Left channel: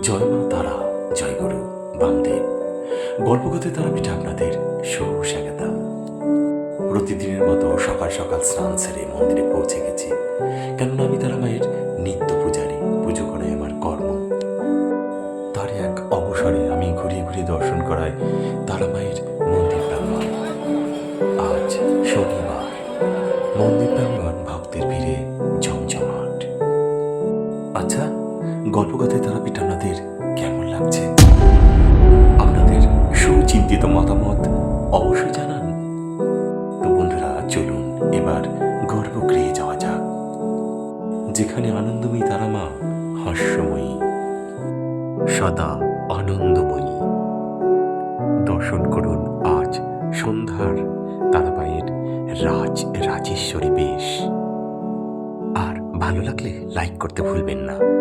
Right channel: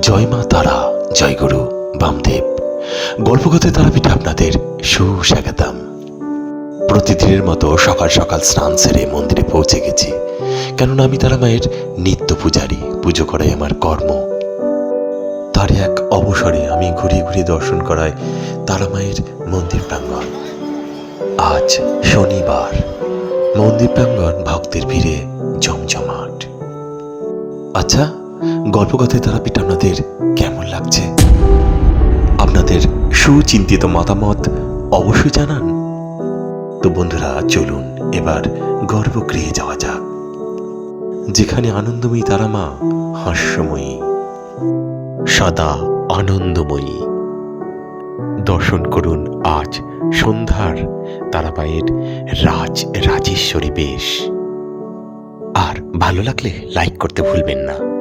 জয় মা তারা, জয় গুরু বামদেব। গল্পকথায় তারাপীঠে আপনাদের সুস্বাগতম। প্রতিদিনের মতো সকাল সকাল স্নান সেরে মন্দিরে পৌঁছে গেছি, কেননা আমি তারা মায়ের নিত্য পূজারী। পুজো করাই আমার কর্ম। তার এক অবসরে আমি ঘুরিয়ে ঘুরিয়ে দর্শন করাই তারা মায়ের মন্দির প্রাঙ্গণ। আজ শনিবার, মন্দির প্রাঙ্গণ ভক্তের ভিড়ে জমজমাট। আচ্ছা, গল্পকথায় তারাপীঠ আপনাদের কেমন লাগছে? আপনাদের সুচিন্তিত মতামত অবশ্যই জানান। তো বন্ধুরা, চলুন এবার গর্ভগৃহে যাওয়া যাক, যেখানে আনন্দময়ী তারা মা হাস্যময়ী, সদা আনন্দময়ী। দর্শন করুন আজ সন্ধ্যার তারামায়ের রাজেশ্বরী বেশ। আর ভালো লাগলে লাইক করতে ভুলবেন না।